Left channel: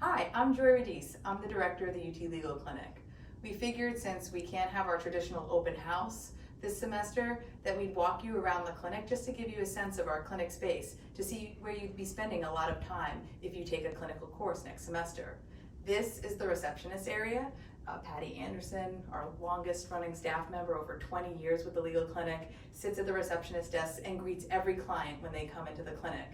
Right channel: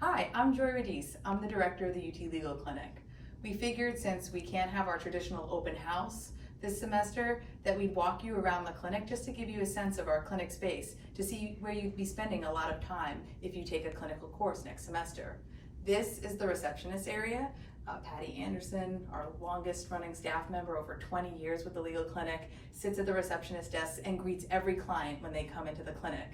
Hi, I'm Joy Radice. I'm the director of the UT Legal Clinic. We figured since we can't have our traditional open house this semester that we'd walk you around the clinic just to give you a sense of our clinic space to see where you'd be spending a lot of time if you take a clinical course next semester. This is the receptionist area. Patty Anderson, our longest running staff member, over 20 years with the legal clinic, sits at the receptionist desk and greets every client when they come into the clinic.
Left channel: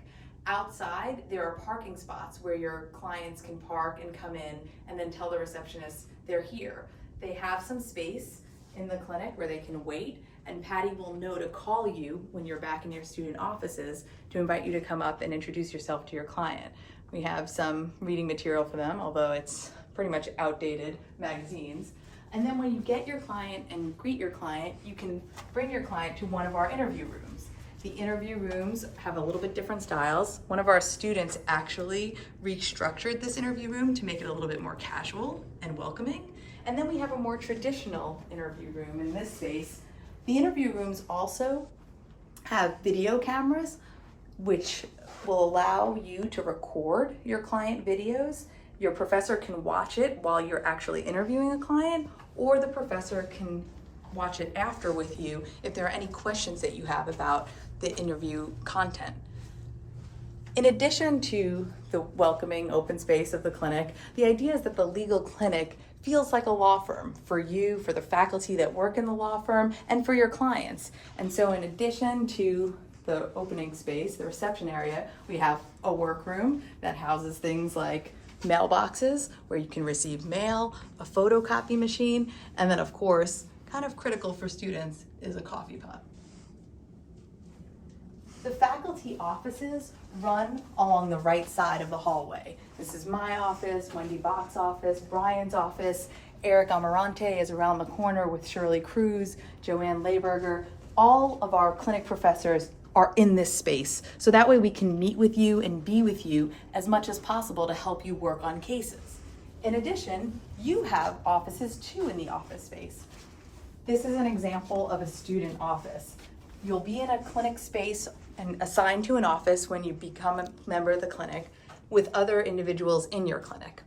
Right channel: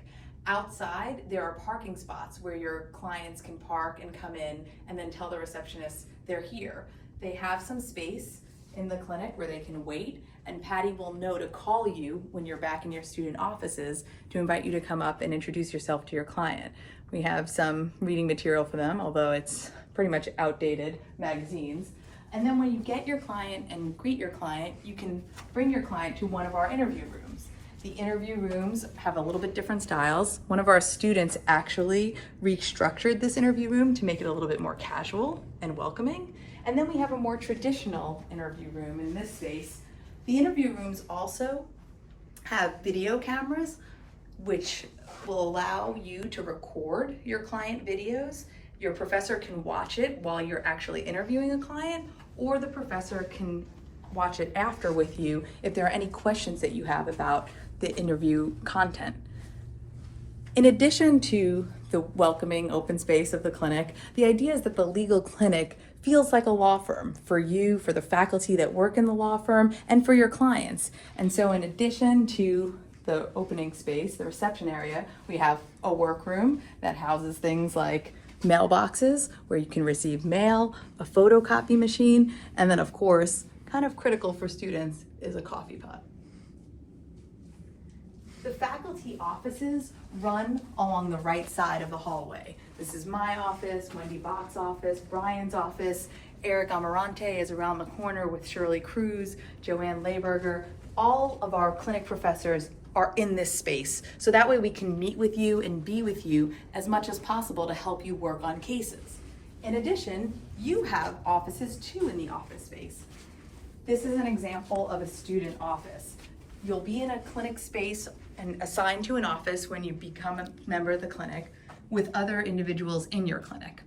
Outside, there are parking spots where your clients can park and come in and then tell the receptionist they're here. They have some space in the clinic where they can wait, and Patty will know to call you when you're back in your student offices to invite you to come up and introduce yourself to your client. We have some reading material for them, although it's pretty much outdated magazines. And then when you get your client and greet your client, you can bring your client to one of our interview rooms. The interview rooms have a little bit different styles. One of our students actually restructured this interview room to make it a little bit more casual and welcoming. And then we have a more traditional interview room in this space. The interview rooms also have video cameras, which will allow you to record your client videos. Your professor can watch it while you're actually interviewing a client, or the professor can watch it after with you if there are any questions that you have about the interview content. In addition to the welcoming open space of the clinic, the idea is that the legal clinic feels like a law firm for you, for the faculty that work in the law firm, and for your clients. And so in addition to the opening space, the reception area, we have a workroom that houses things like mailboxes where you can receive mail, a photocopy machine, and then of course, kind of critical for students is a coffee pot. The faculty offices run along the right side of the hallway. This is my office, Wendy Bach's office, Brian's office. Eric Amarante is around the corner with Shirley Cruz, Joanne Layberger. All of our clinic professors are in this space. So that way we can meet with you and be with you as much as possible to help you work on cases. In addition, you have offices too in the office space. This is an example of a student office. You'll be in a clinic space and assigned to an office when you become a member of the clinic with other individuals in your clinic.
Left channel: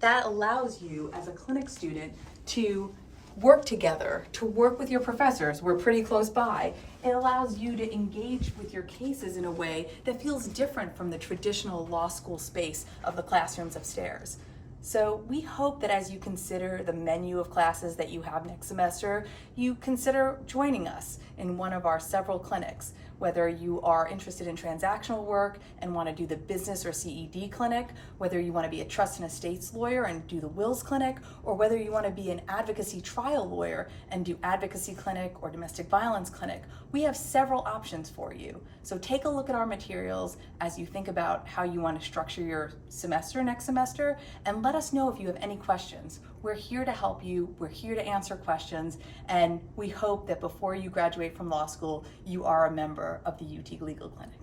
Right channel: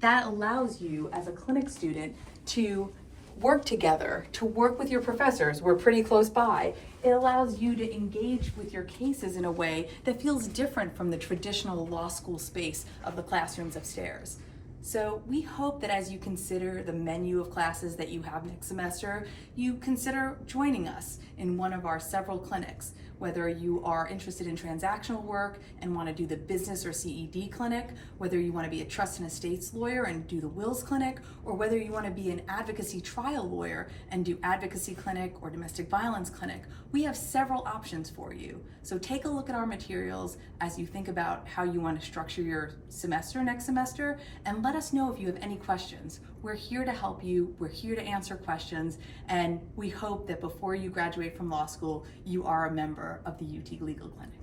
That allows you as a clinic student to work together, to work with your professors. We're pretty close by. It allows you to engage with your cases in a way that feels different from the traditional law school space of the classrooms upstairs. So we hope that as you consider the menu of classes that you have next semester, you consider joining us in one of our several clinics. Whether you are interested in transactional work and want to do the business or CED clinic, whether you want to be a trust and estates lawyer and do the wills clinic, or whether you want to be an advocacy trial lawyer and do advocacy clinic or domestic violence clinic, we have several options for you. So take a look at our materials as you think about how you want to structure your semester next semester, and let us know if you have any questions. We're here to help you, we're here to answer questions, and we hope that before you graduate from law school, you are a member of the UT Legal Clinic.